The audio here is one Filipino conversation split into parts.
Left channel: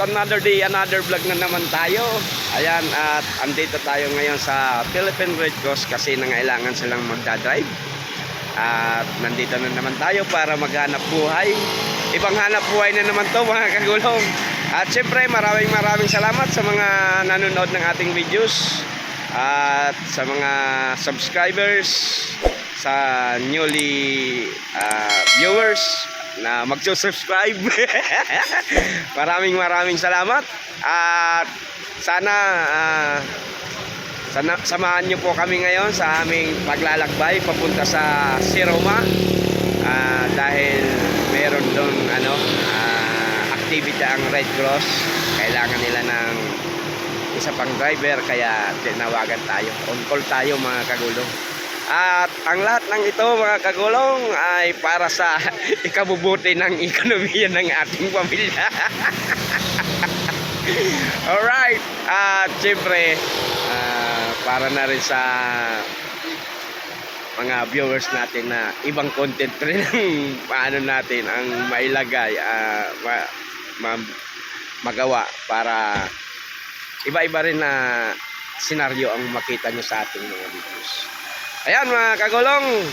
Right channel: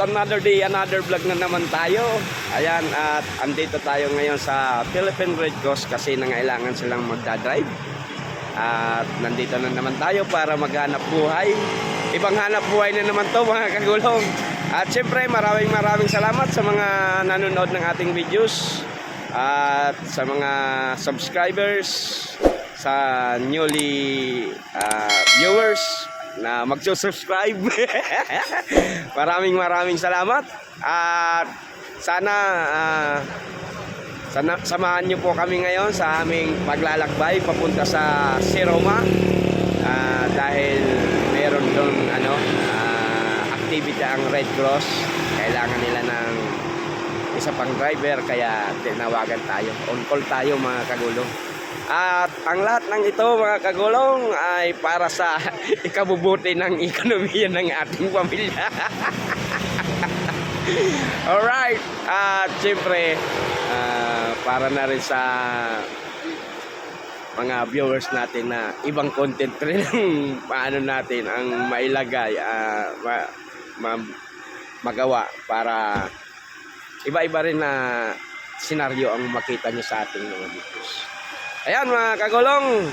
another day, another vlog na naman tayo. Ayan, at andito tayo ngayon sa Philippine Red Cross kasi nangailangan silang magdadrive. At nandito na naman tayo para maghanap buhay. Ibang hanap buhay na naman to mga kagulong. At syempre maraming salamat sa mga nanonood ng ating videos. At sa mga subscribers, sa newly viewers na magsusubscribe. maraming salamat. At sana samahan nyo po kami ngayon sa aming paglalakbay papunta sa Siroma. Dahil meron doon activity ang Red Cross. Kailangan nila ng isa pang driver, kaya tinawagan tayo. On call tayo mga kagulong. At ang lahat ng ito mga kagulong ay para sa ikabubuti ng ekonomiya ng ating pamilya. Alright. At syempre para na rin sa mga viewers natin na ibang content rin ang paano natin ang mailagay, magawa para iba-iba rin na senaryo ang makita nyo sa ating mga videos. Ayan mga kagulong,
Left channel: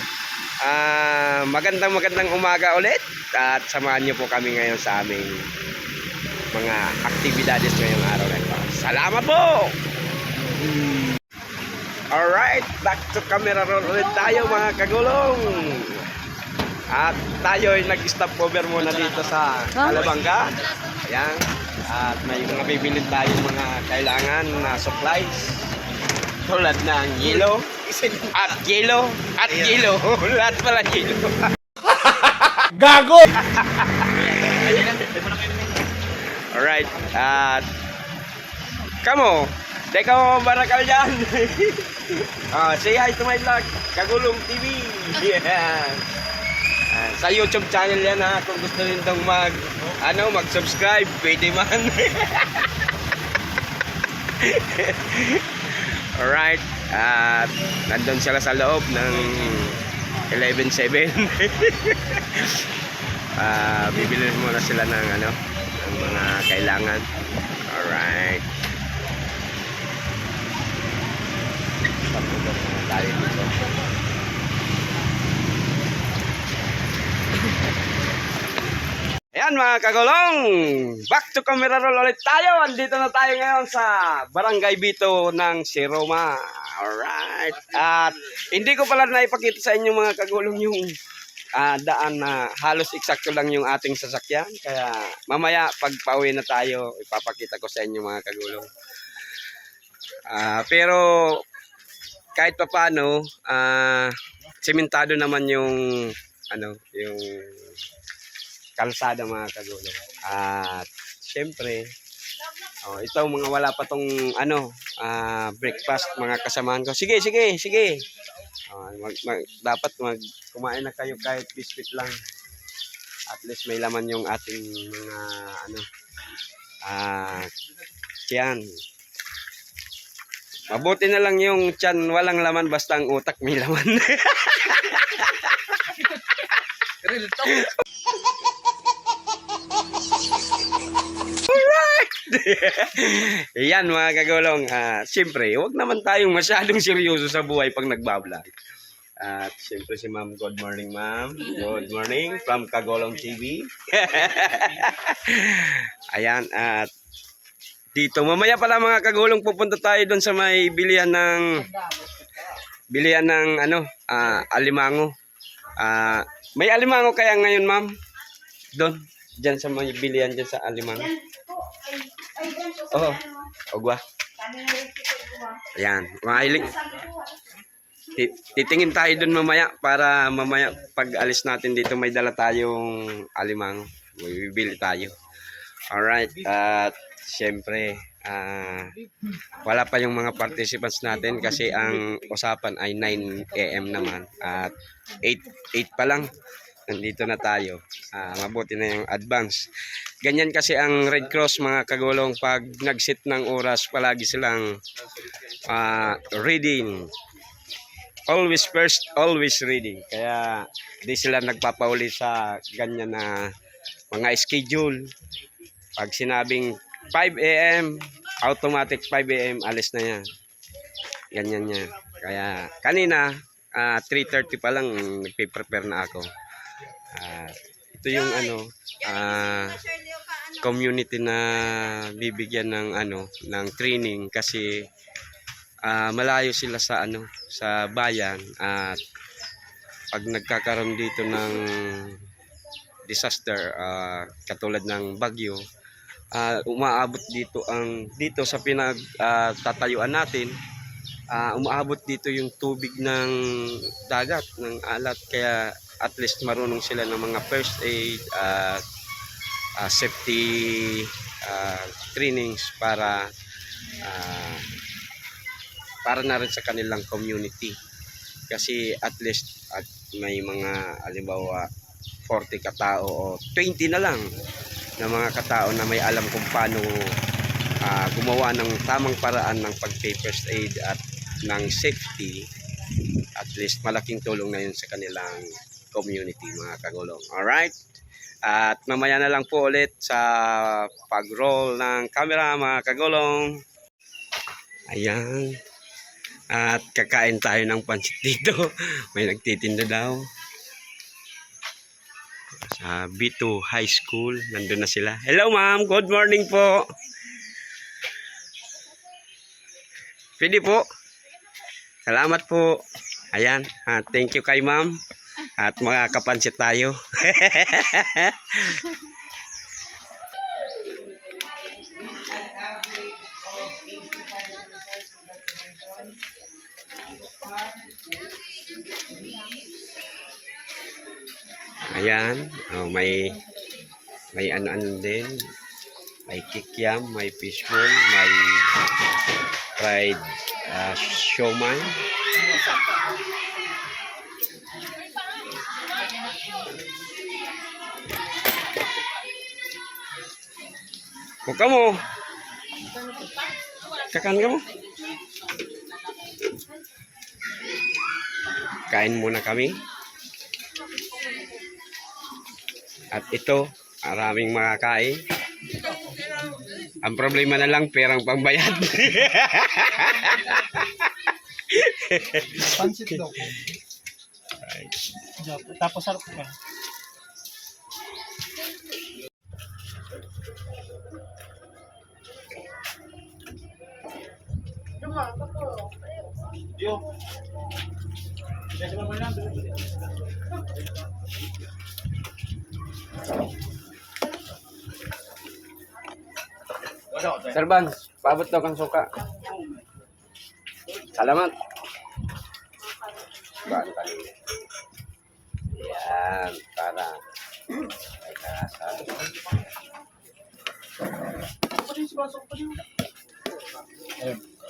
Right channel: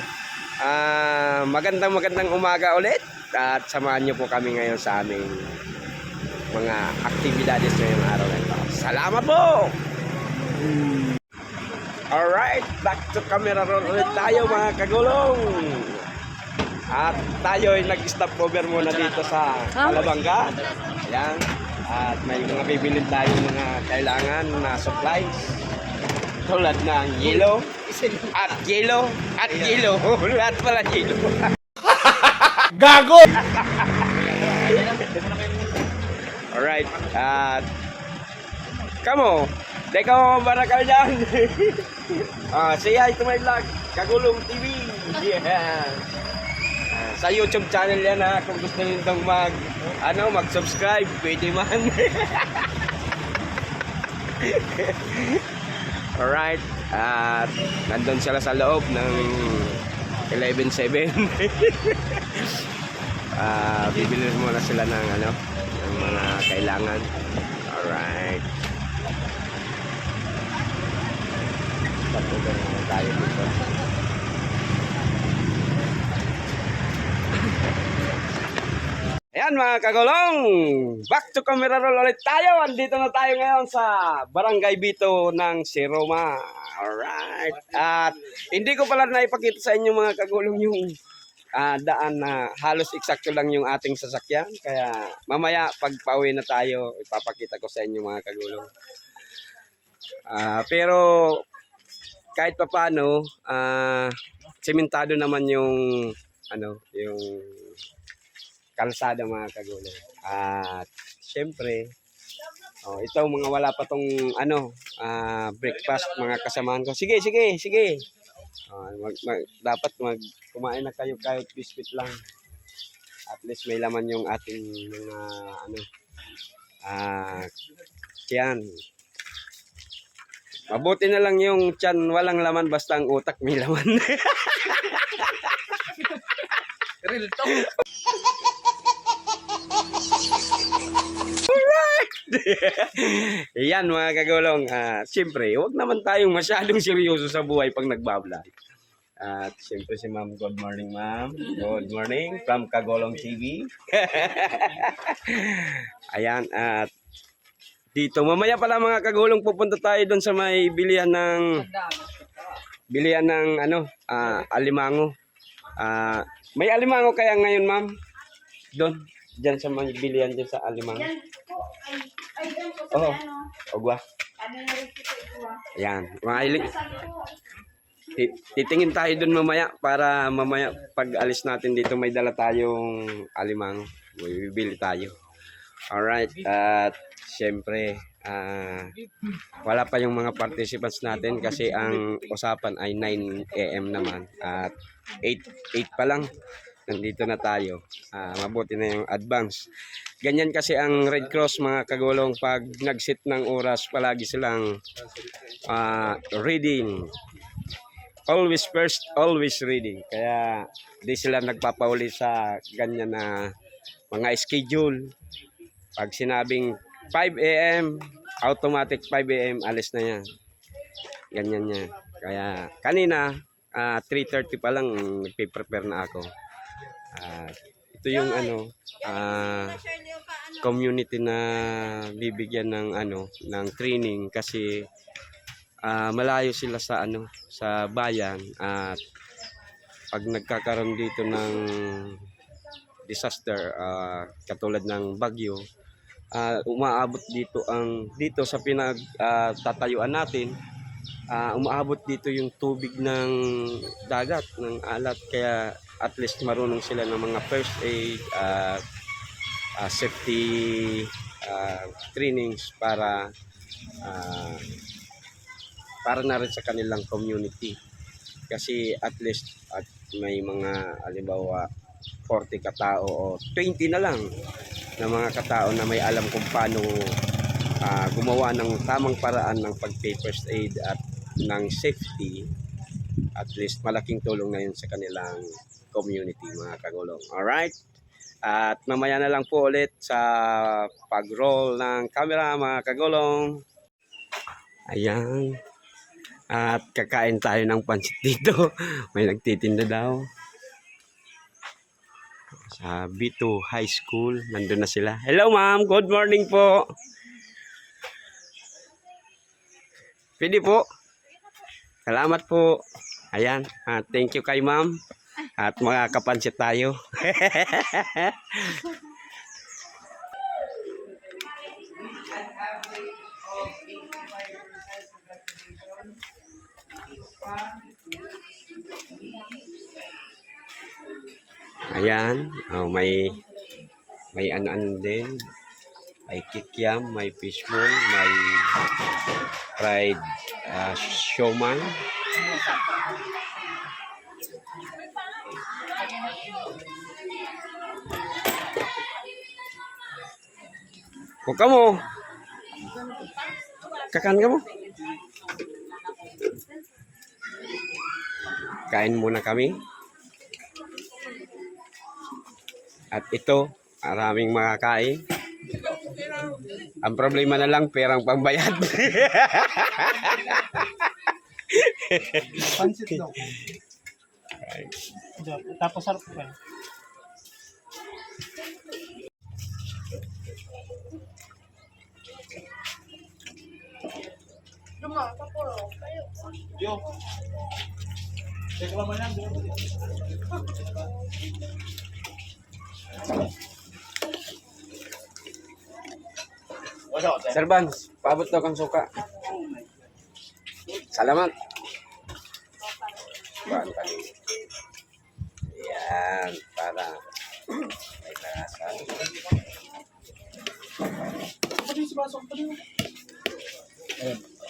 magandang umaga ulit at samahan nyo po kami ngayon sa aming mga aktibidades ngayong araw na ito. Salamat po! Alright, back to camera roll ulit tayo mga kagulong. At tayo ay nag-stop over muna dito sa Calabanga. Ayan, at may mga bibilin tayong mga kailangan na supplies. Tulad ng yelo at yelo at yelo. Lahat pala yelo. Gago! Alright, at kamo, teka mo barakal dyan. Say hi to my vlog, Kagulong TV. Yeah. Sa YouTube channel yan ha, kung gusto nitong mag-subscribe, pwede man. Alright, at nandun sila sa loob ng 11-7. Bibili muna sila ng ng mga kailangan. Alright, tapos na tayo dito. Ayan mga kagulong, back to camera roll ulit tayo. Andito na tayo ngayon sa Barangay Bito ng Siroma. Alright, at hindi ko pala naipakita sa inyo mga kagulong yung daan na halos eksakto lang yung ating sasakyan. Kaya mamaya pag pauwi na tayo, ipapakita ko sa inyo mga kagulong. Pero kahit pa paano, sementado naman yung yung kalsada mga kagulong. At syempre, ito mga wala pa tong breakfast mga kasamahan ko. Sige. Dapat kumain na kayo kahit biscuit lang. At least may laman yung ating mga tiyan. Mabuti na lang yung tiyan walang laman, basta ang utak may laman. Alright. Yan mga kagulong, siyempre huwag naman tayong masyadong seryoso sa buhay pag nagbablog. At siyempre si ma'am, good morning ma'am. Good morning from Kagulong TV. Ayan, at dito mamaya pala mga kagulong pupunta tayo doon sa may bilihan ng alimango. May alimango kaya ngayon ma'am? Doon, dyan sa may bilihan dyan sa alimango. Oh, ogwa. Ayan, mga hiling. Titingin tayo doon mamaya para mamaya pag alis natin dito may dala tayong alimango. Bibili tayo. Alright, at syempre wala pa yung mga participants natin kasi ang usapan ay 9 AM naman at 8 pa lang nandito na tayo. Mabuti na yung advance. Ganyan kasi ang Red Cross mga kagulong, pag nag-set ng oras palagi silang reading. Always first, always reading. Kaya di sila nagpapauli sa ganyan na mga schedule. Pag sinabing 5 a.m. automatic 5 a.m. alis na yan. Ganyan niya. Kaya kanina 3:30 pa lang nagpe-prepare na ako. Ito yung community na bibigyan ng ng training kasi malayo sila sa sa bayan at pag nagkakaroon dito ng disaster katulad ng bagyo, umaabot dito sa tatayuan natin, umaabot dito yung tubig ng dagat, ng alat, kaya at least marunong sila ng mga first aid safety trainings para na rin sa kanilang community, kasi at least may mga halimbawa 40 katao o 20 na lang na mga katao na may alam kung paano gumawa ng tamang paraan ng pag-first aid at ng safety. At least malaking tulong na yun sa kanilang community, mga kagulong. Alright, at mamaya na lang po ulit sa pag-roll ng camera, mga kagulong. Ayan, at kakain tayo ng pansit dito. May nagtitinda daw sa B2 High School. Nandun na sila. Hello ma'am, good morning po. Pwede po. Salamat po. Ayan, thank you kay ma'am. At makakapansit tayo. Ayan, may ano din, may kikiam, may fishball, may fried siomai. Huwag ka mo. Kakan ka mo. Kain muna kami. At ito, maraming makakain. Ang problema na lang, perang pangbayad. Pansit daw. Right. Tapos sarap pa. Yo. Check mo na. Sir Bang, paabot daw kang suka. Salamat. Baan kanina. Yan, para may karasa.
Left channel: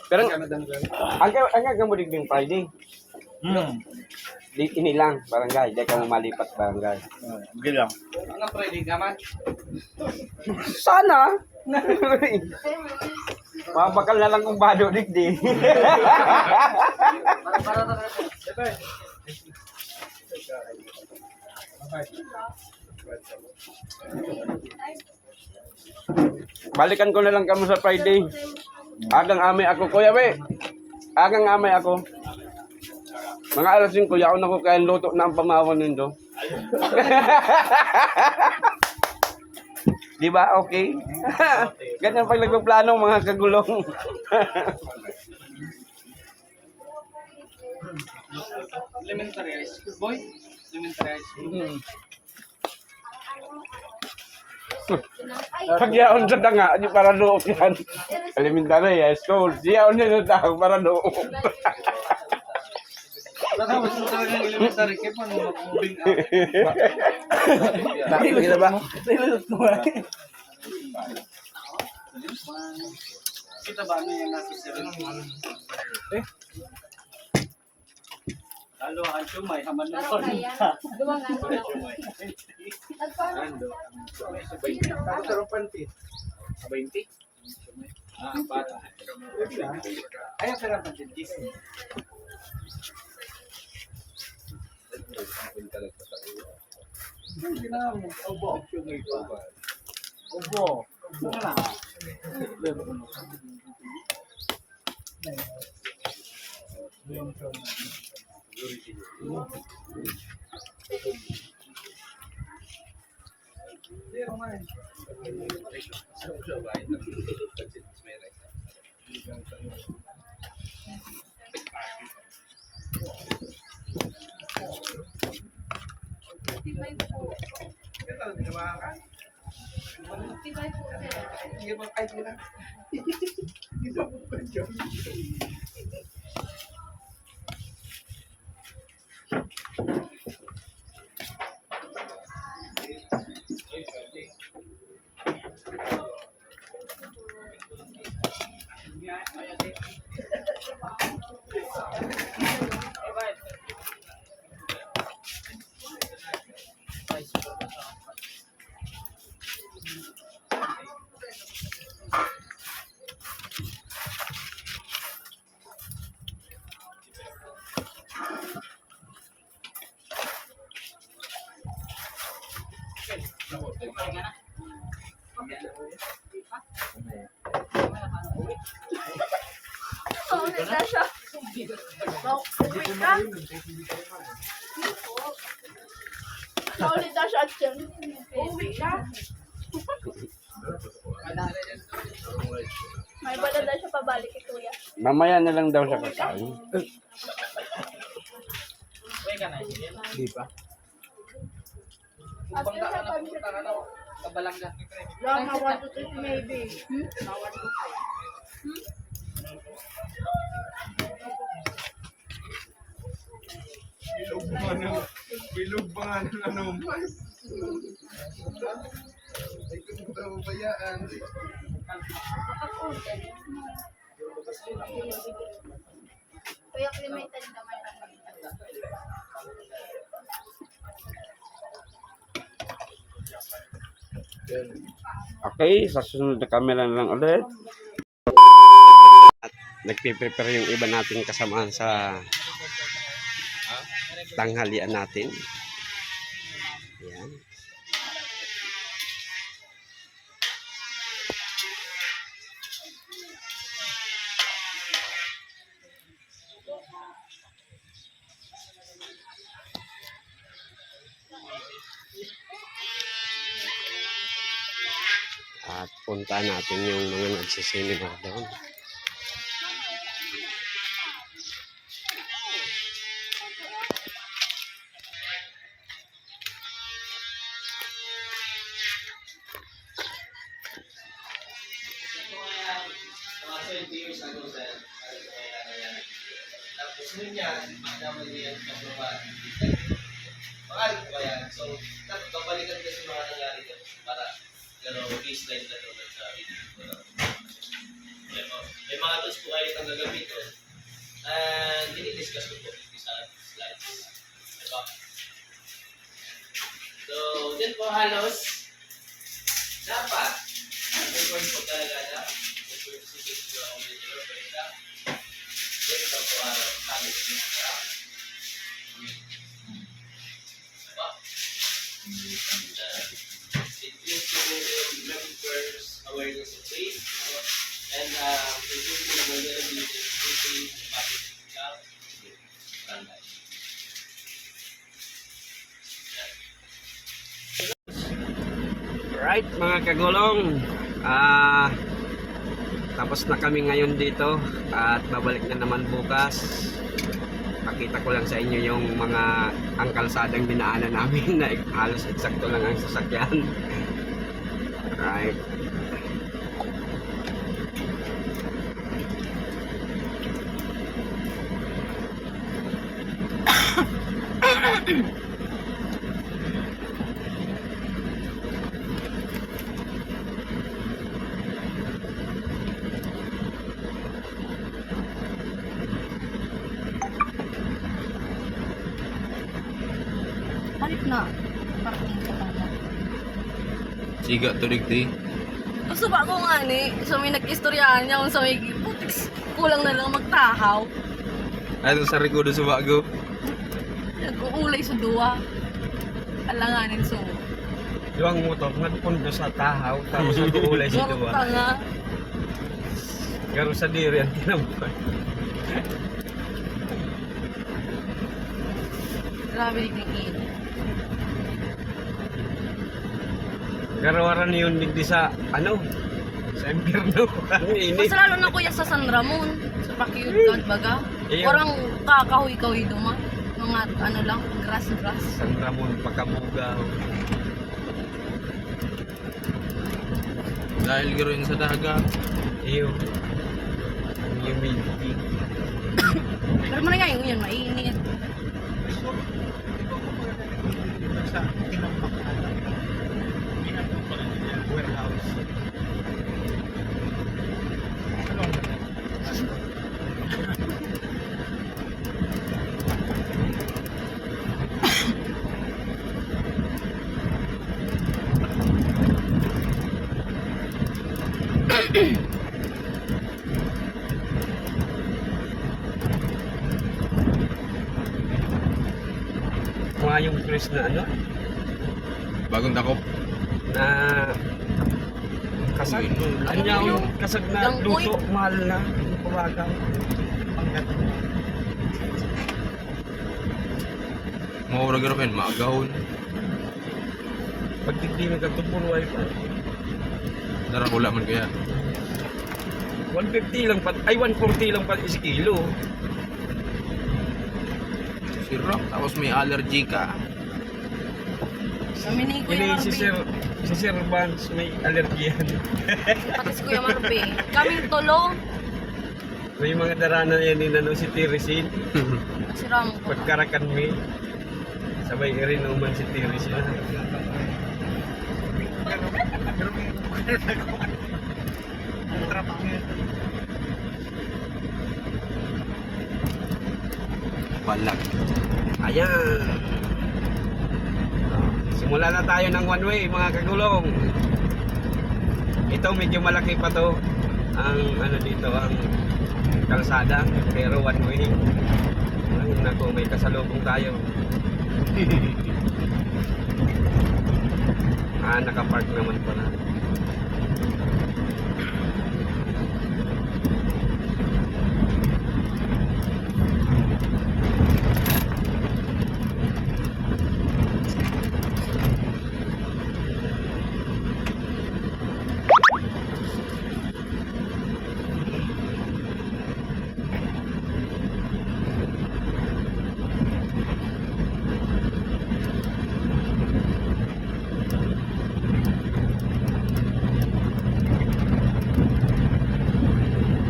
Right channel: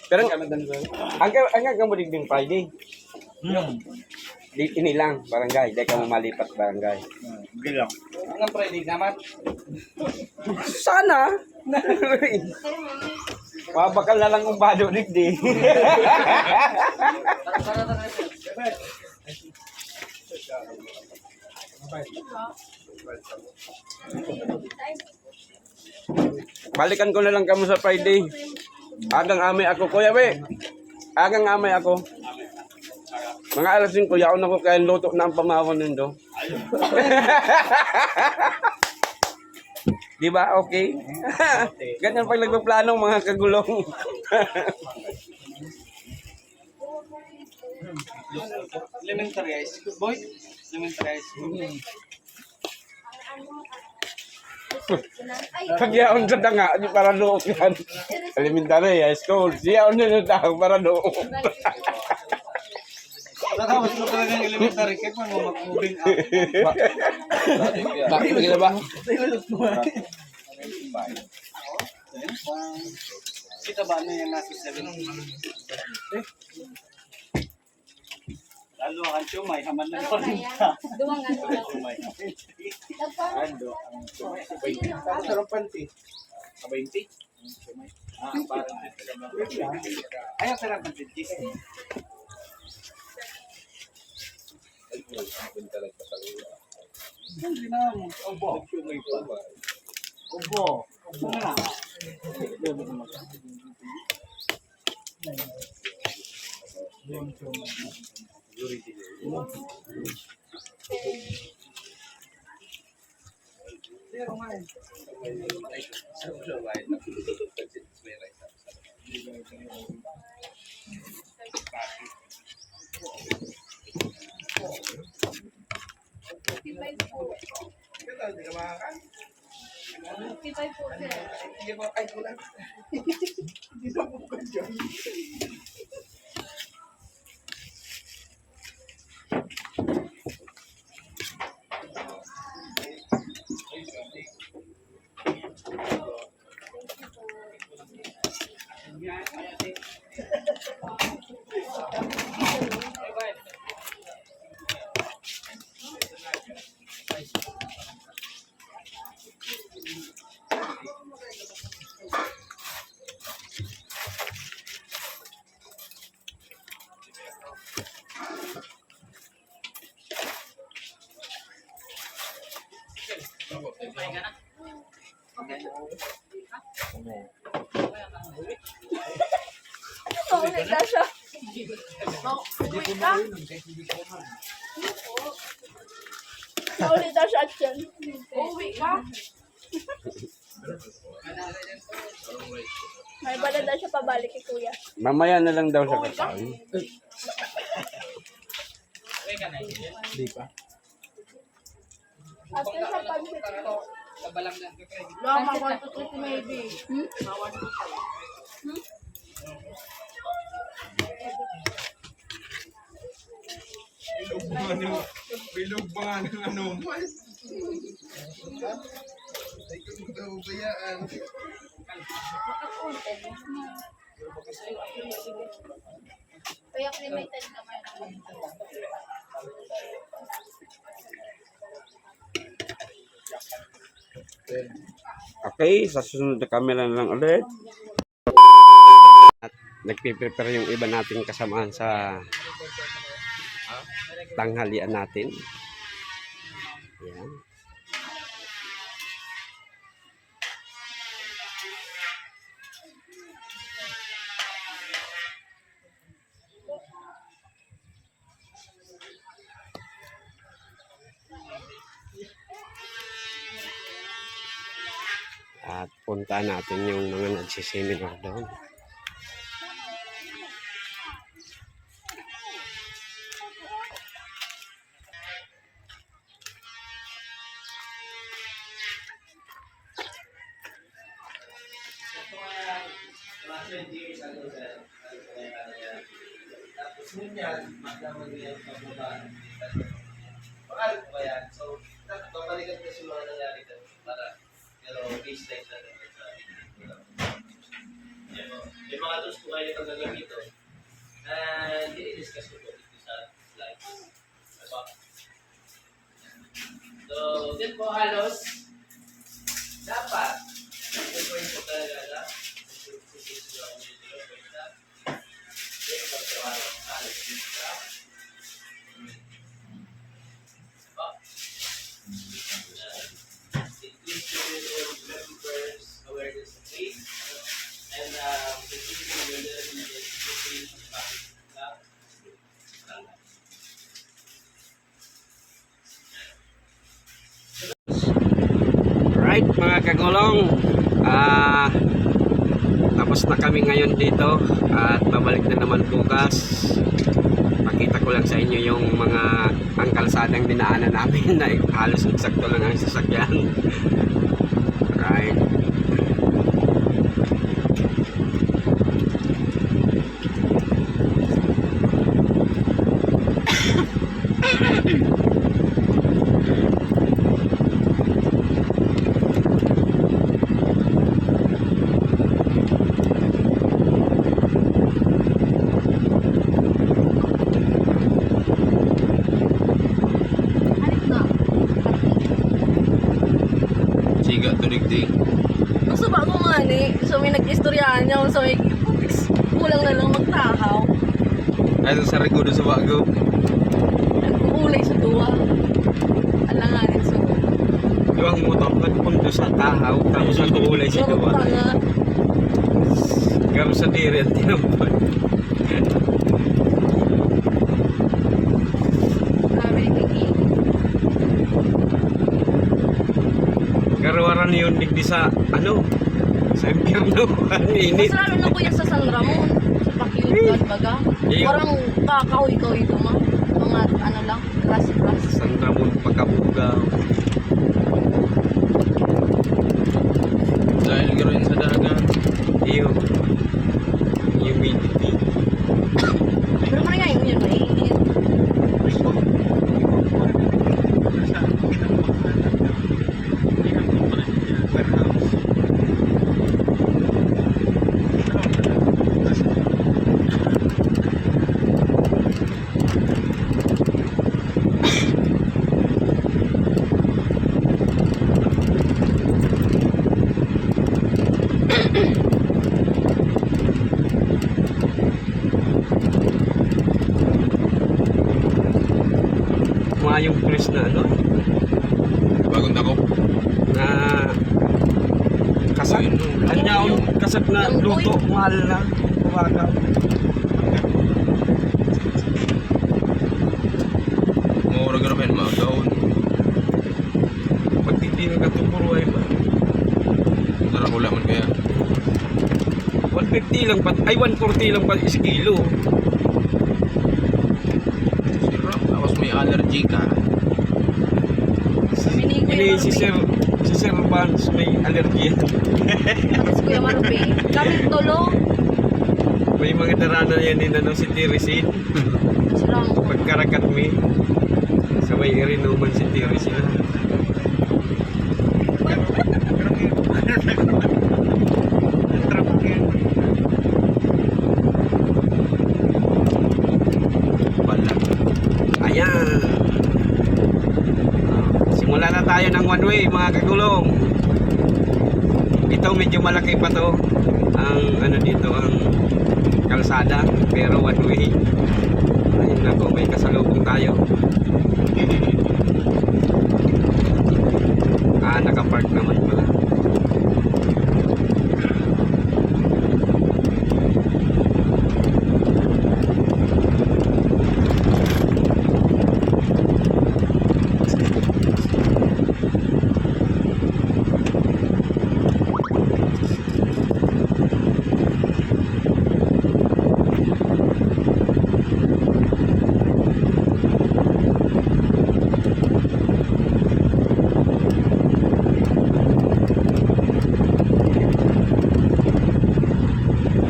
Pero ang gamudig din Friday. Di ini lang barangay, dahil ka mo malipat barangay. Bilang. Ang Friday naman. Sana. Mabakal na lang kung bado digdi. Balikan ko na lang kamo sa Friday. Agang amay ako, kuya we. Agang amay ako. Mga alas 5, yaon ako kaya luto na ang pamawan nindo. Di ba? Okay? Ganyan pag nagpaplano mga kagulong. Elementary high school, boy. Elementary high school. Pag yaon sa danga, di para loob yan. Elementary high school. Yaon na tao para loob. Tapos ito talagang elementary kayo pa nung mag-moving Bakit ba ba? Kita ba ano yung nasa 7? Lalo ang siomay, haman na ko. Duwang ano lang. Ando. Tapos sarap panty. 20? Ayaw sarap panty. Hindi na. Obo. Obo. Obo na. Paulit na siya. Paulit na siya at yan. Uwi ka? May bala na siya pabalik kay kuya. Mamaya na lang daw siya kakain. Di pa. After sa pag- Kabalangga. Mama, want to take maybe. Bilog ba ng ano mo? Ay, kung daw bayaan. Kaya limited naman ako. Okay, sa susunod na camera na lang ulit. At nagpiprepare yung iba nating kasamahan sa tanghalian natin. Ayan. At punta natin yung mga nagsiseminar doon. Tapos yun yan, magdamali yan pagbabahan. Mahal ko ba yan? So, babalikan kasi mga nangyari dyan para baseline na doon sa video. May mga tools po kayo itong gagamitin. And dinidiscuss ko po sa slides. Diba? So, dyan po halos dapat may point po talaga na may point si video ang video point na dyan ito po halos dito. Diba? It is to members awareness of faith and increasing the vulnerability and increasing public health. Right mga kagulong, tapos na kami ngayon dito at babalik na naman bukas. Pakita ko lang sa inyo yung mga pangkalsadang dinaanan namin na halos eksakto lang ang sasakyan. Right. Hanip na. Siga tulig di. Gusto ba ko nga ni, so may nag-istoryahan niya kung sa may putiks, kulang na lang magtahaw. Ay, ito sa rigudo sa bago. Nag-uulay sa duwa. Alanganin so. Yung motor kan pundo sa tahaw, tapos sa kulay si Murot Duwa. nga. Garo sa diri ang tinampay. Grabe ni Kiki. Garo aran yun digdi sa ano? Sa impyerno. Ang init. Mas lalo na kuya sa San Ramon. Sa Pakyugan, baga. Iyo. Warang kakahoy-kahoy duma. Mga ano lang, grass-grass. San Ramon pagkabuga. Dahil garo yun sa dagat. Iyo. Humidity. Pero man nga yung yun, mainit. Mga yung press na ano? Bagong takop. Na kasat. Uy, no, Ang yaon, yun. kasat na Lang, luto. Mahal na. Kumbaga. Maura garo kayo, maagawon. Pag hindi mo katupuro ay Narakula man kaya. 150 lang pa. Ay 140 lang pa is kilo. Sirap, tapos may allergy ka. Kami ni Ini Kuya si Sir Vance may alergiyan. Pati si Kuya Marbe. Kami tulo. May mga darana yan din ano si Tirisin. Siram. Pagkarakat mi. Sabay irinuman si Tirisin. Balag. Ayan. Simula na tayo ng one way mga kagulong. Ito medyo malaki pa to. Ang ano dito ang kalsada pero one way. Ayun na may kasalubong tayo. Nakapark naman pala.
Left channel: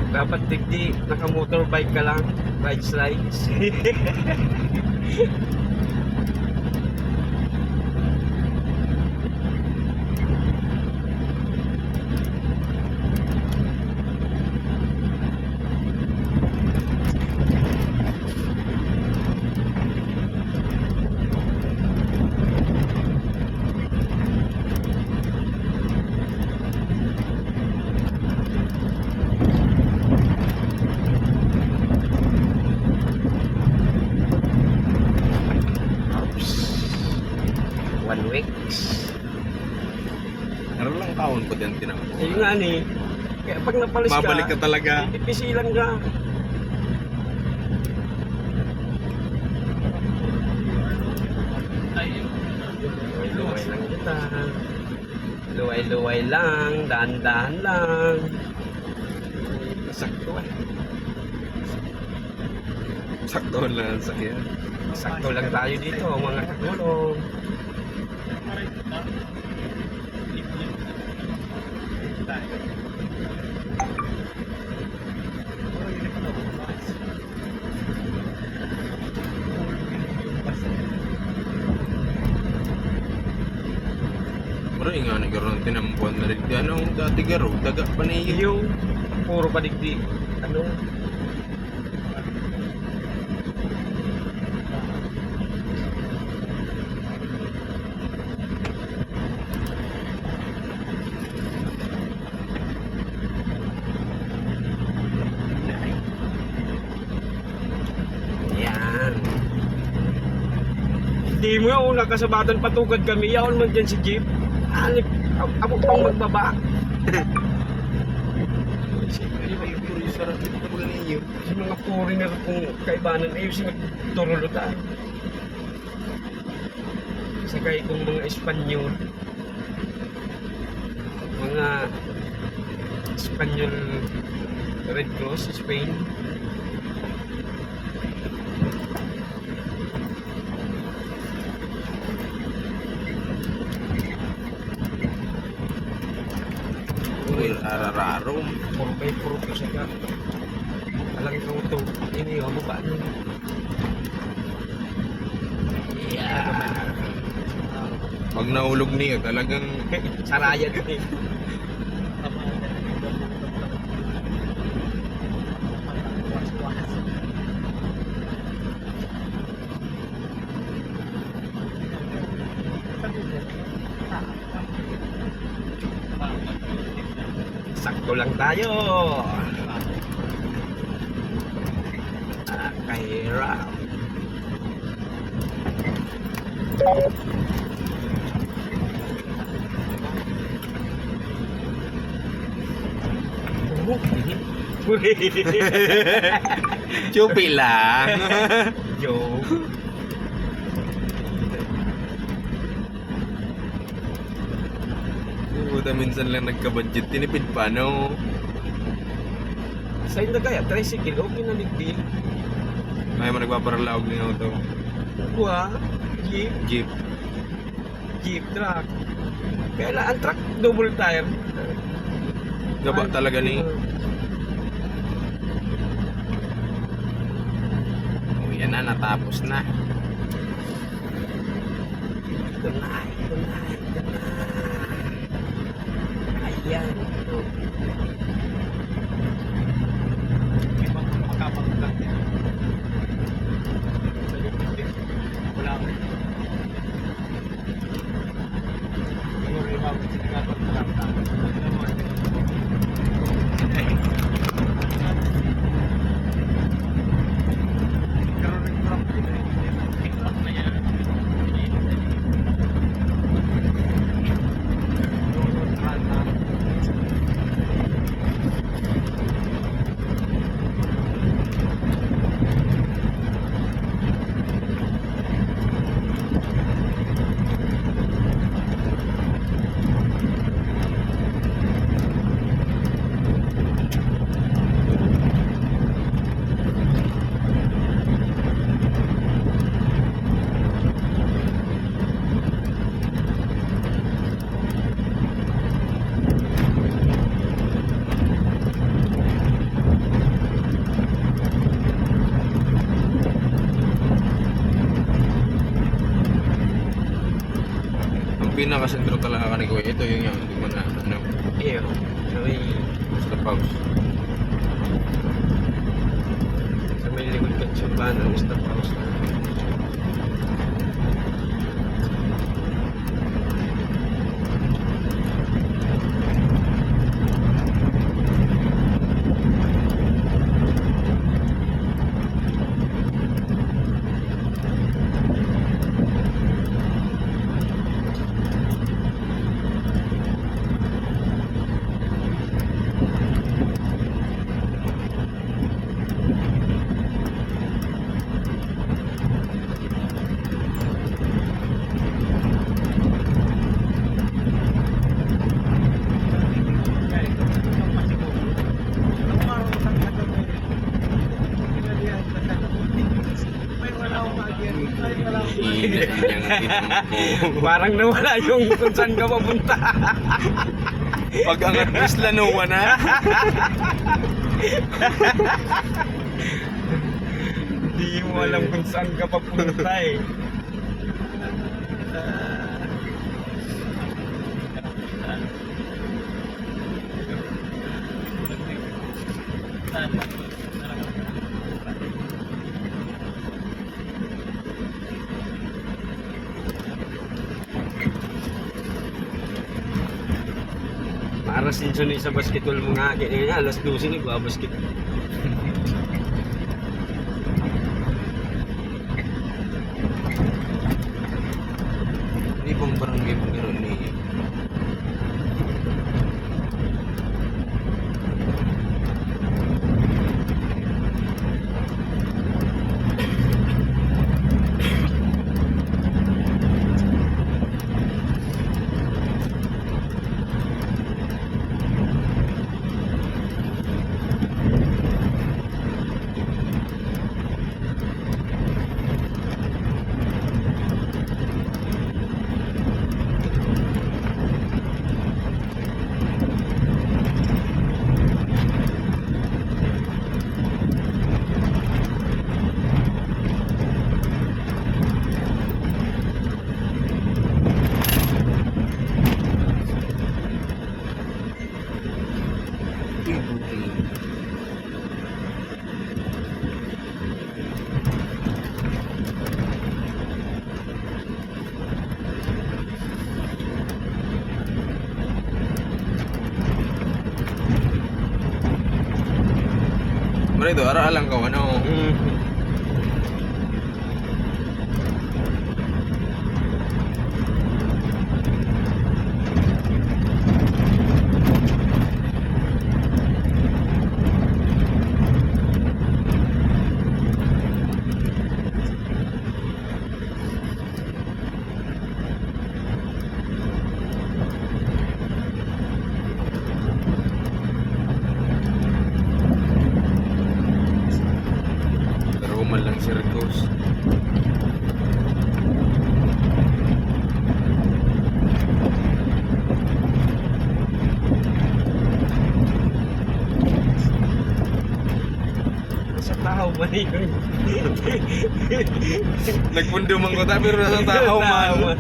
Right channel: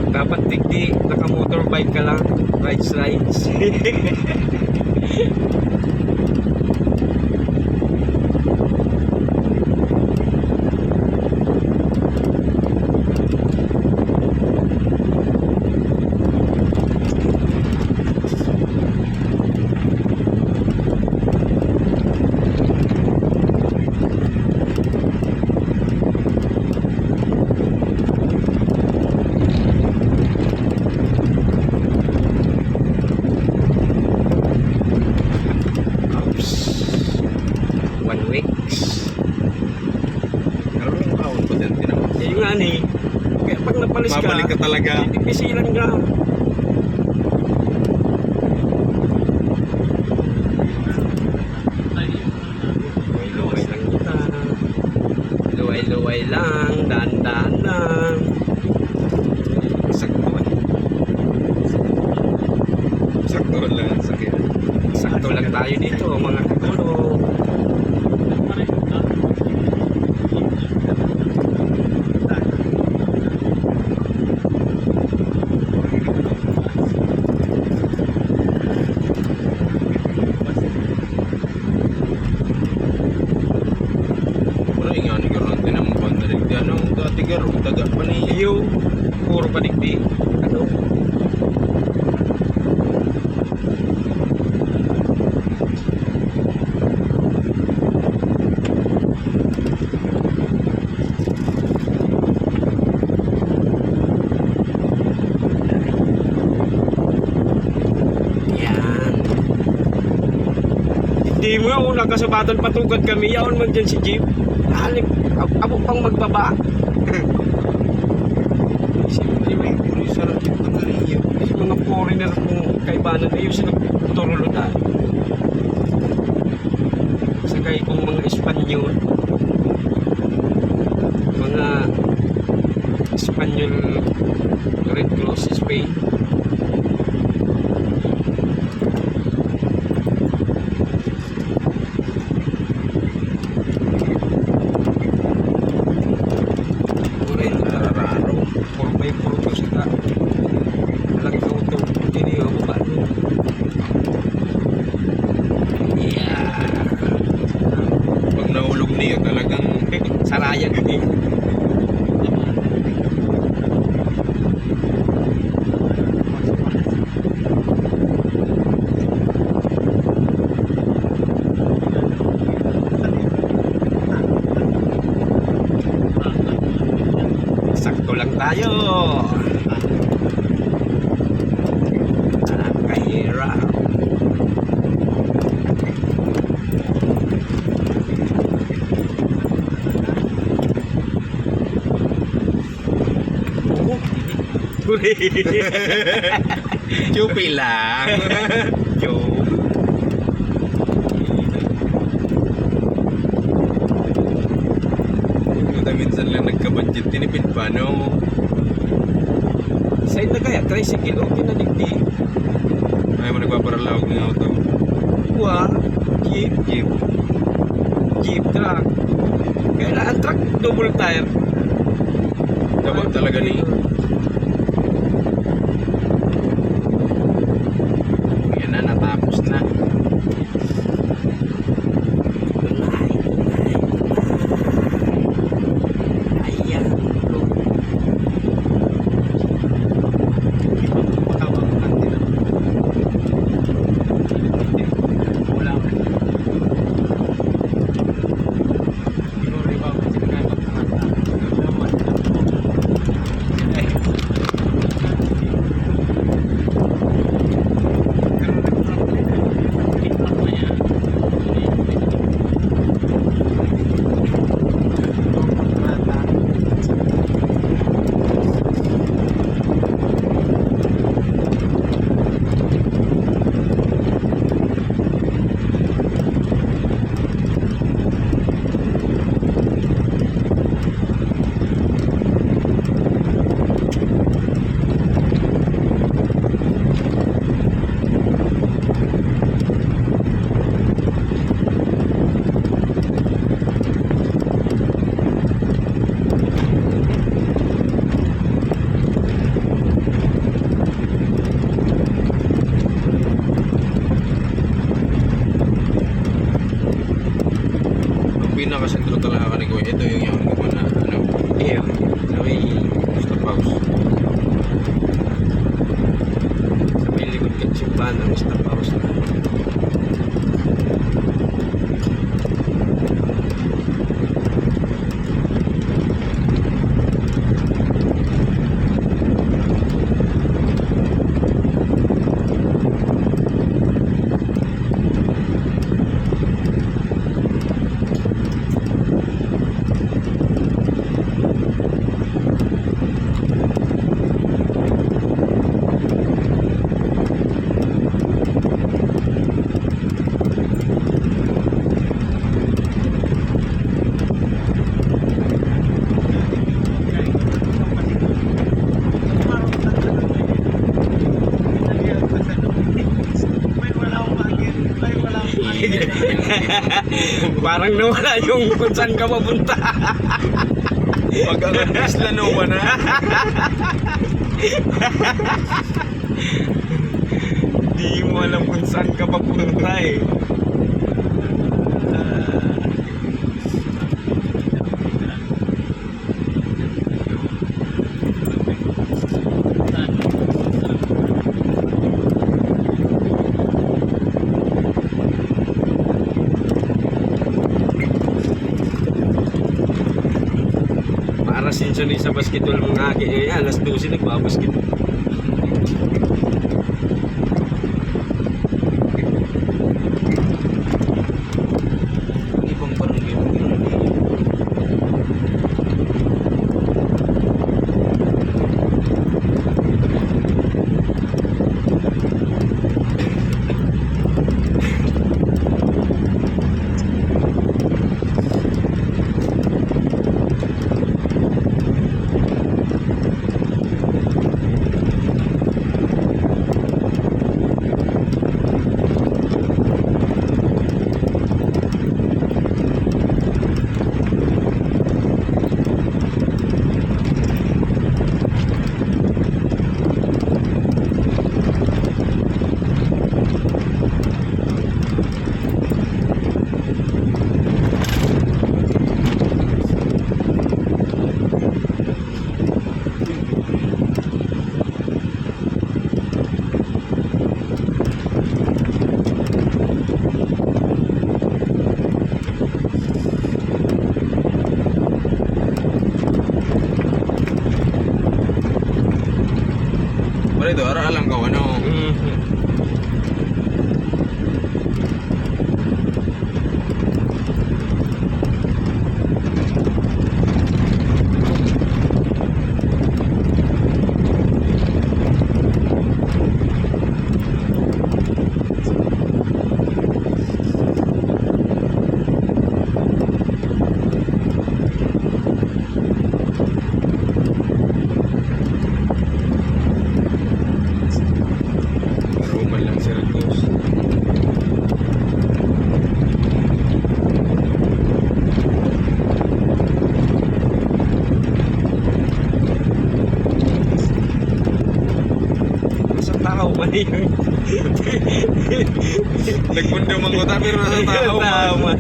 Dapat digdi naka-motorbike ka lang, rides. One weeks. Naroon lang kaon po dyan tinawag. Yun nga ni. Kaya pag napalis ka, Mabalik ka talaga. Pisilan ka. Luway-luway lang kita. Luway-luway lang, daan-daan lang. Sakto. Sakto lang ang sakyan. Sakto lang tayo dito, mga katulong. Mura nga ni garo tinambuan na rin. Ano dati garo, daga pa na iyo. Iyo, puro kadigdi. Ano? Yan. Hindi mo yung nakasabatan patugad kami. Yaon mo dyan si Jeep. Ani, abo pang magbaba. Ay, may puri sarap dito naman ninyo. Kasi mga foreigner kung kaibanan ayaw sila turulutan. Sakay kung mga Espanyol. Mga Espanyol Red Cross Spain. Puri narararo. Puro may puro ko sa ka. Walang tuto. Ini o baba niyo. Yeah. Pag nahulog niya, talagang Sarayan ko eh. Sakto lang tayo. Kahira. chupi lang. Yo. Puta, minsan lang nagka-budget, tinipid pa, no? Sa'yo na kaya, tricycle, okay na digdi. Ay, mo nagpaparalaog ng auto. Wah, jeep, Jeep. jeep truck. Kailangan truck, double tire. Gaba talaga ni. Yan na, natapos na. Tulay, tulay, tulay. Ayan. Ang pinakasentro talaga ka ni Kuya, ito yung hindi mo na, ano, Iyo. May, stop house. sa may likod ka tsuban, ang stop house na. Parang nawala yung kung saan ka papunta. Pag ang isla no na. Di mo alam kung saan ka papunta eh. Para sinsunod sa basketball mga akin ngayon, alas 12 nagbabasket. Hindi pang parang game gano'n. to, ara alam ka ano. Pero umal lang si Ricos. Sa tao man yun. Nagpundo man ko ta pero nasa tao man.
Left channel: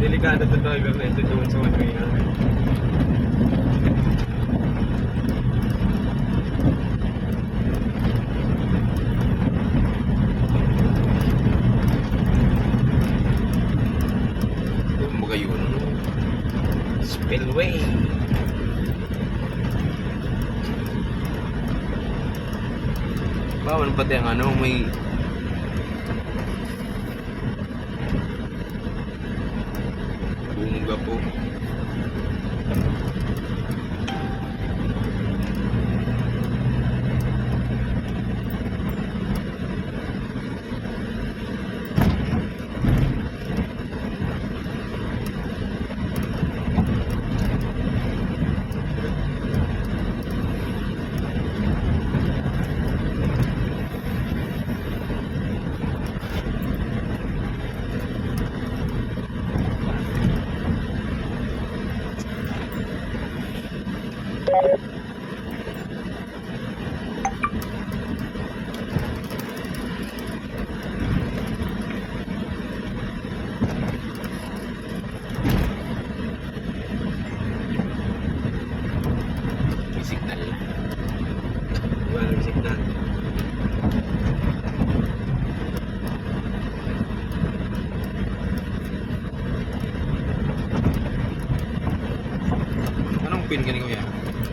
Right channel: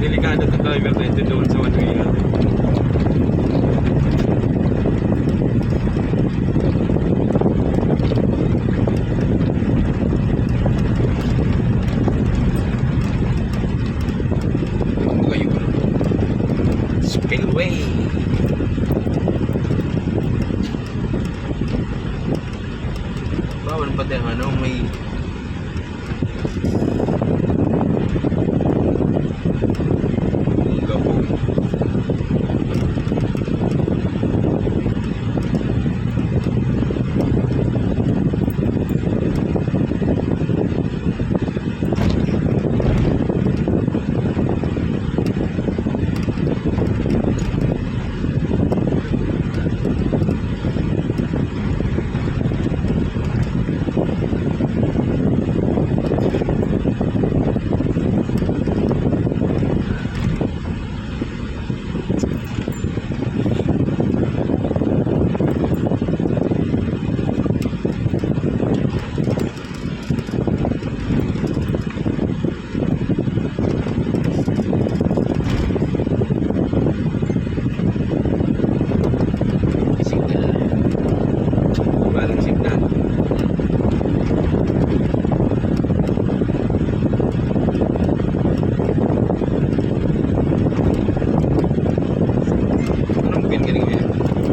Delikado ito driver na ito doon sa one-way lang. Huwag mo kayo ano. Spillway. Bawal pati ang ano, may Bunga po. Signal. Walang signal. Anong pin ka ni Kuya?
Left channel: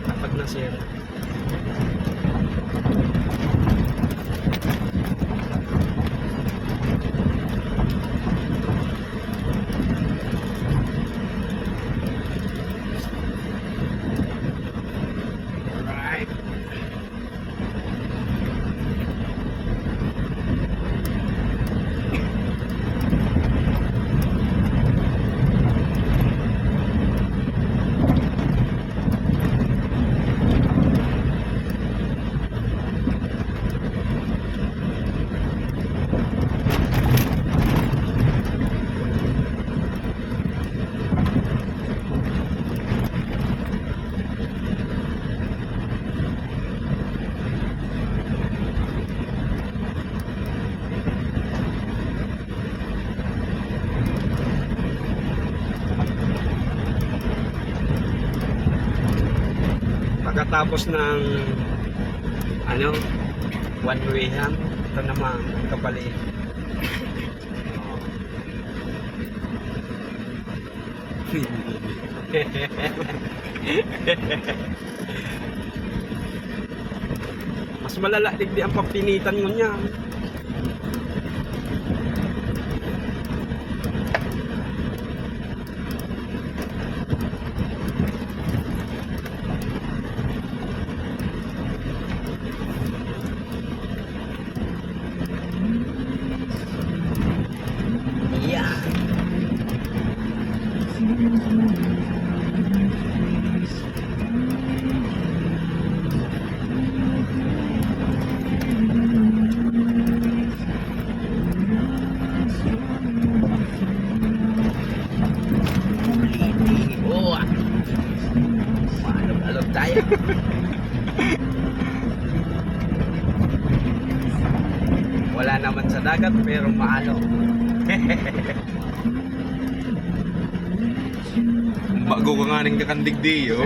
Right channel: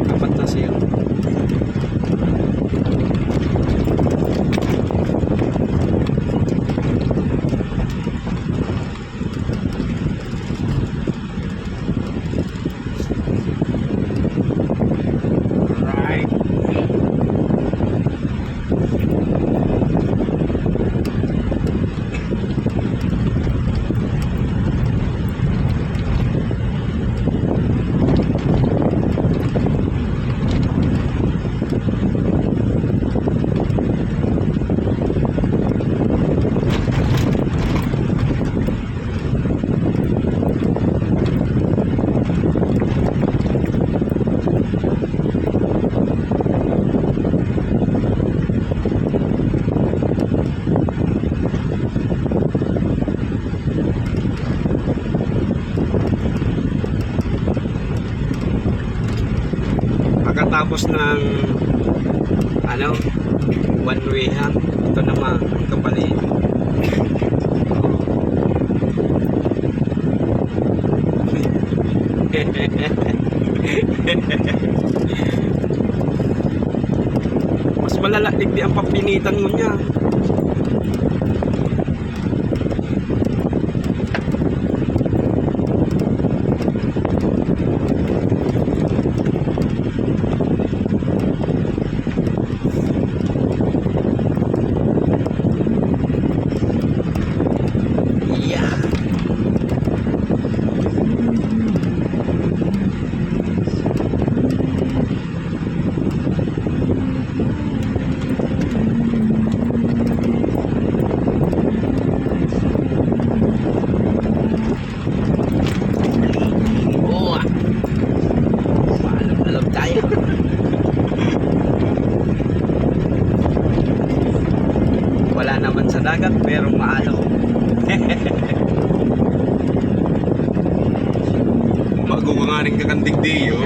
Dapat na siya. Right. Pagkatapos ng ano, one way ha, ito naman kapalit. Mas malala di ang papinitan mo niya. Yeah. Oh. Alam tayo. Wala naman sa dagat pero maalo. Bago ka nga rin kakandigdiyo.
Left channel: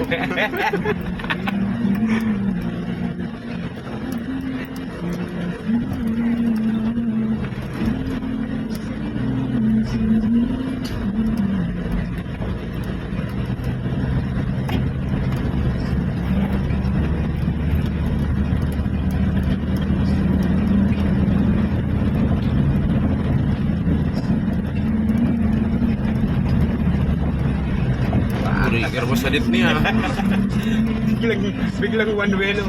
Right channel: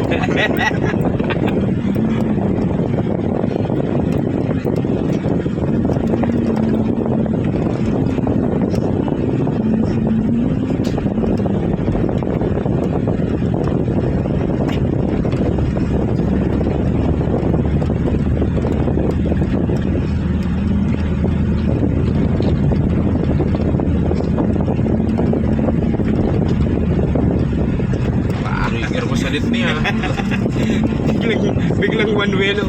palit niya. Biglang one way no.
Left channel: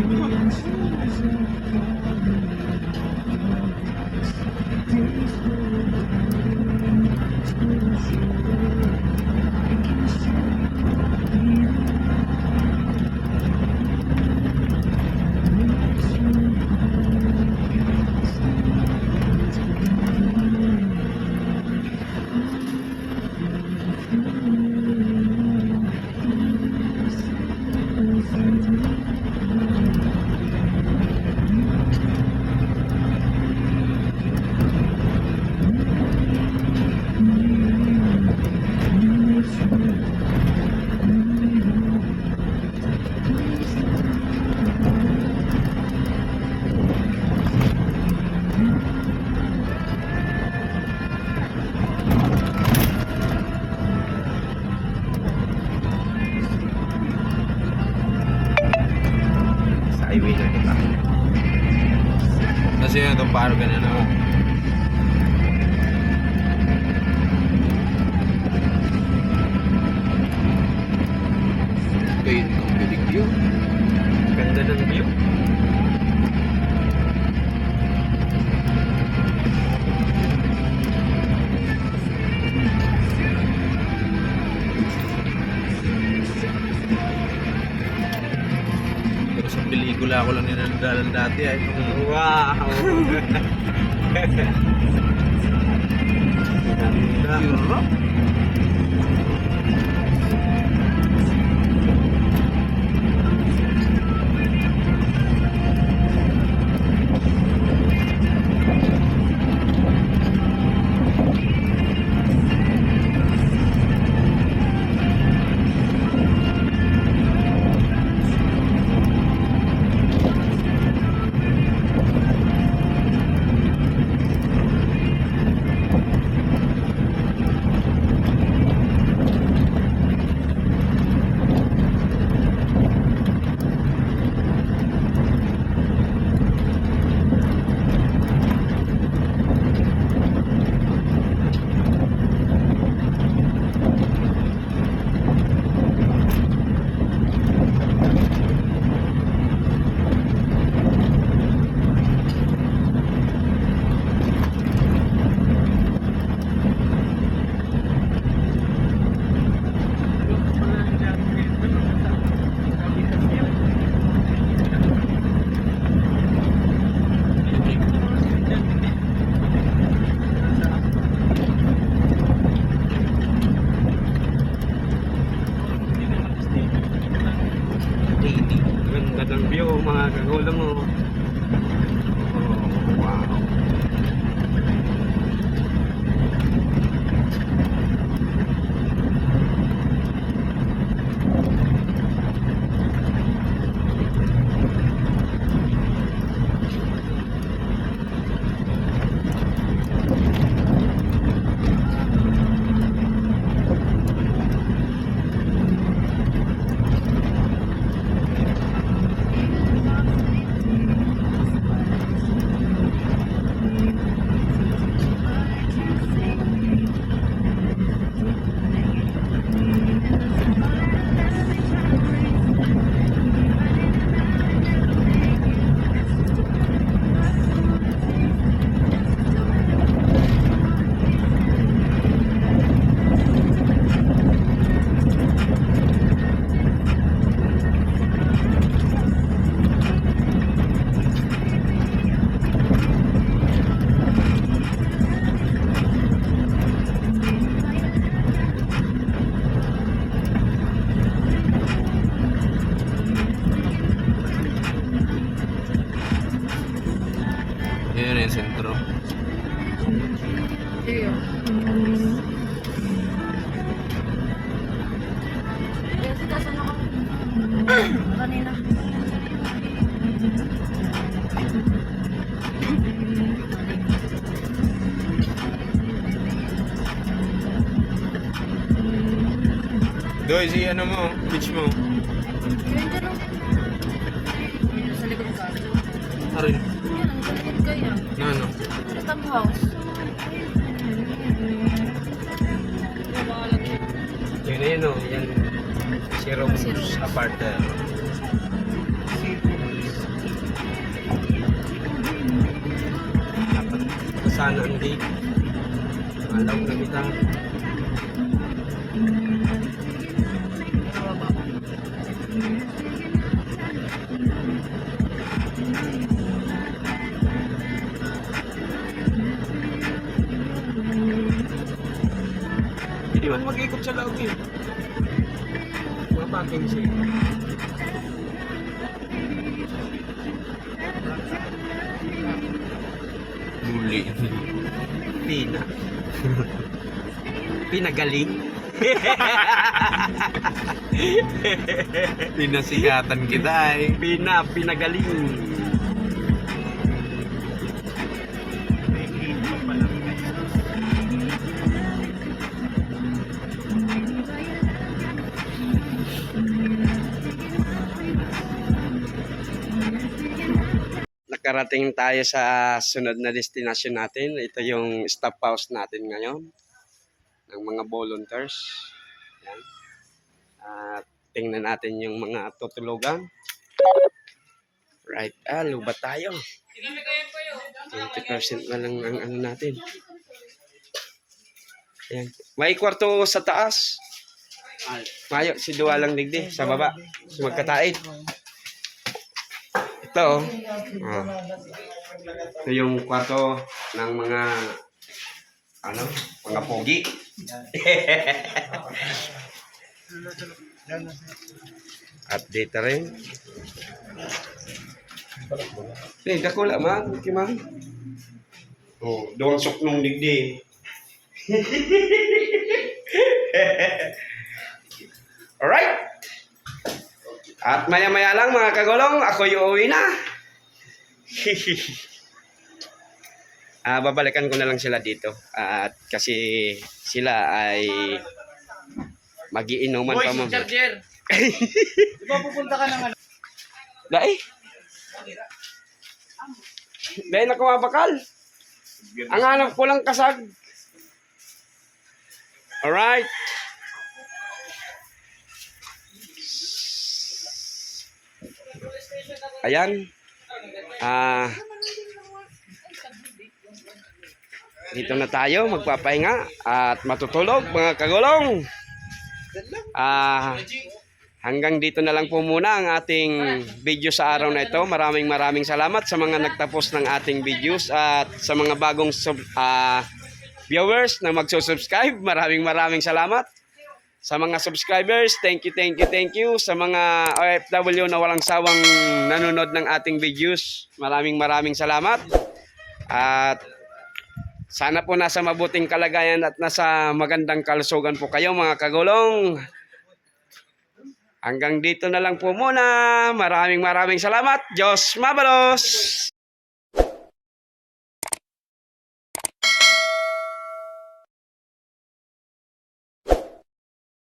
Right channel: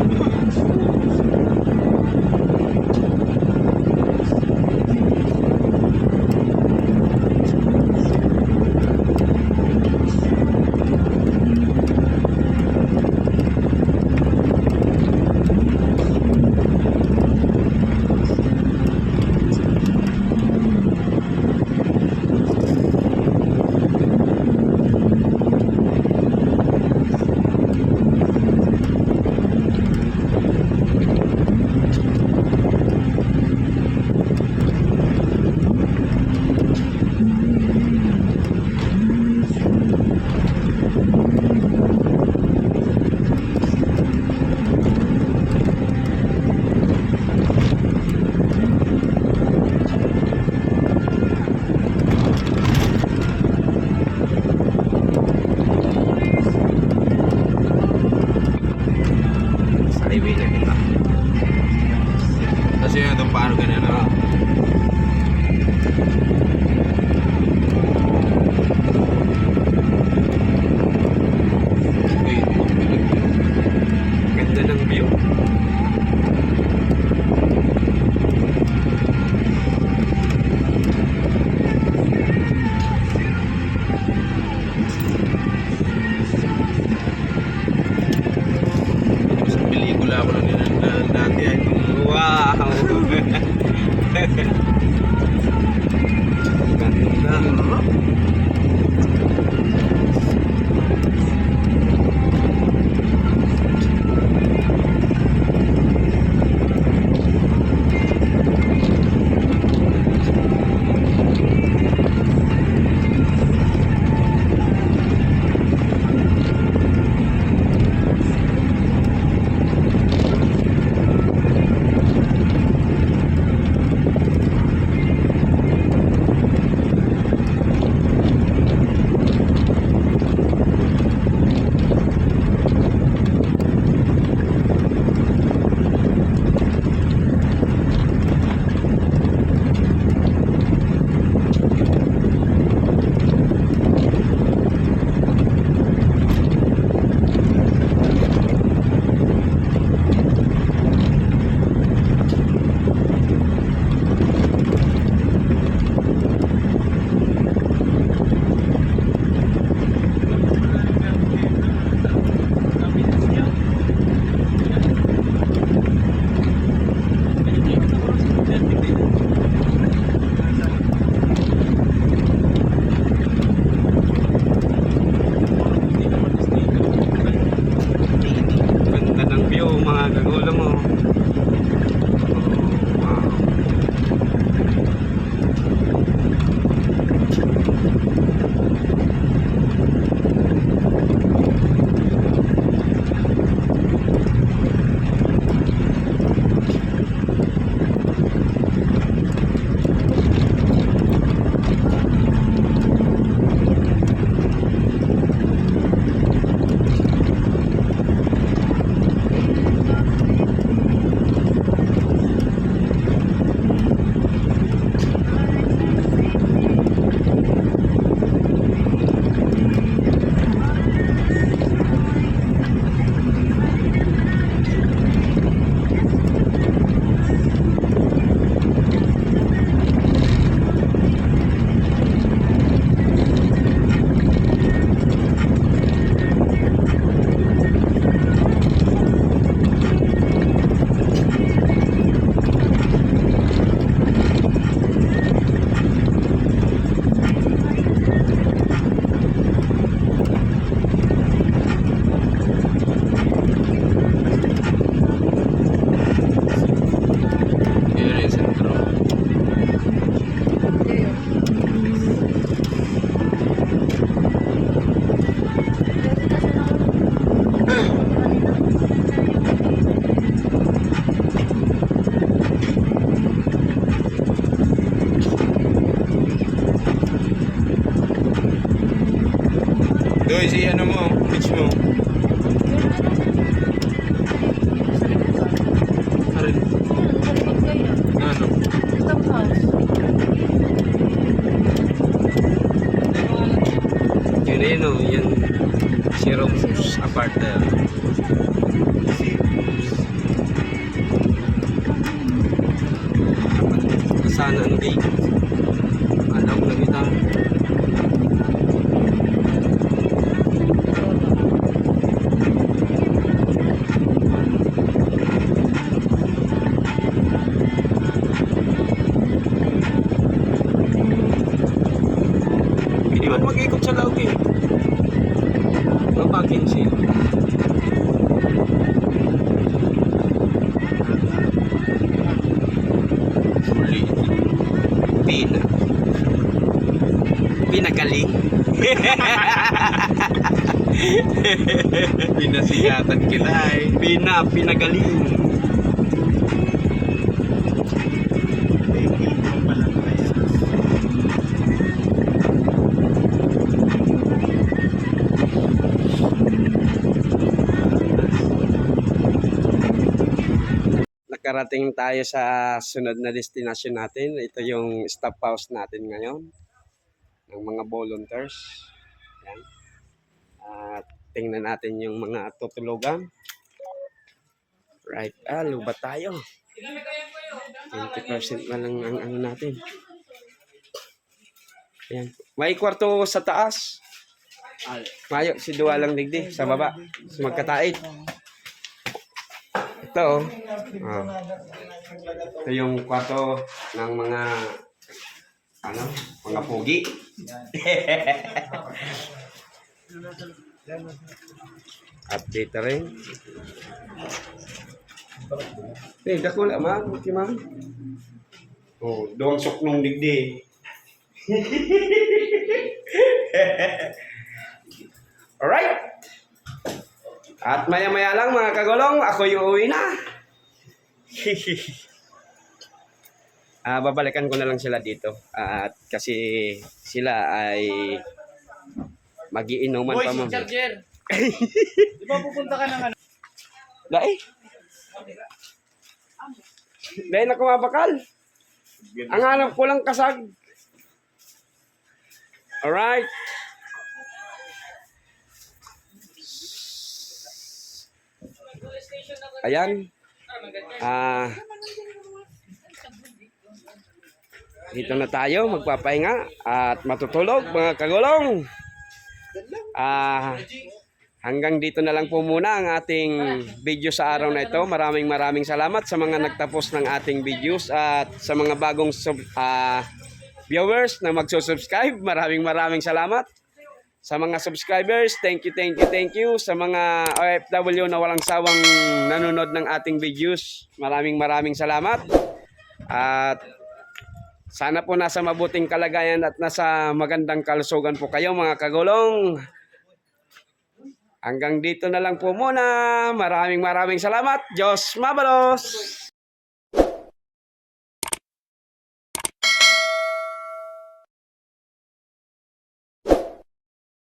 Sa highway na kita. Kasi yan itong paro ganyan naman. Wait, kumbilig yun. Ganda ng view. Sa pelikula ko lang ninandalan dati ay itong Wow. Ganda. hirap. Ganda ng view mga kagola mo. Wow. Yun yung sentro. Doy, si ano mo, pitch mo. Arin. Na ano? Yun na yun o. Yan. Xerox apartment. Sana ang date. Alaw na kita. Hindi ba mag-ikot sa laut eh? Mapakin siya. Huli. Pina. Pinagaling. Pinasigatan kita eh. Pinagaling. Nakarating tayo sa sunod na destination natin. Ito yung stop house natin ngayon ng mga volunteers. Yan. At tingnan natin yung mga tutulugan. Right, lubat tayo. 20% na lang ang ano natin. Ayan. May kwarto sa taas. Mayo, si Dua lang digdi sa baba. Magkataid. Ito, oh. Ito yung kwarto ng mga mga pogi. At dito rin. Dako lang man, man. Oh, doon suknong digdi. Alright. At maya-maya lang mga kagulong, ako yung uwi na. Babalikan ko na lang sila dito. At kasi sila ay magiinuman pa mo. Charger! Di ba pupunta ka ng ano? Dai. Dahil na kumabakal. Ang hanap ko lang kasag. Alright. Ayan. Dito na tayo magpapahinga at matutulog mga kagulong. Hanggang dito na lang po muna ang ating video sa araw na ito. Maraming salamat sa mga nagtapos ng ating videos at sa mga bagong viewers na magsusubscribe. Maraming salamat. Sa mga subscribers, thank you. Sa mga OFW na walang sawang nanonood ng ating videos, maraming salamat. At sana po nasa mabuting kalagayan at nasa magandang kalusugan po kayo mga kagulong. Hanggang dito na lang po muna. Maraming salamat. Diyos mabalos!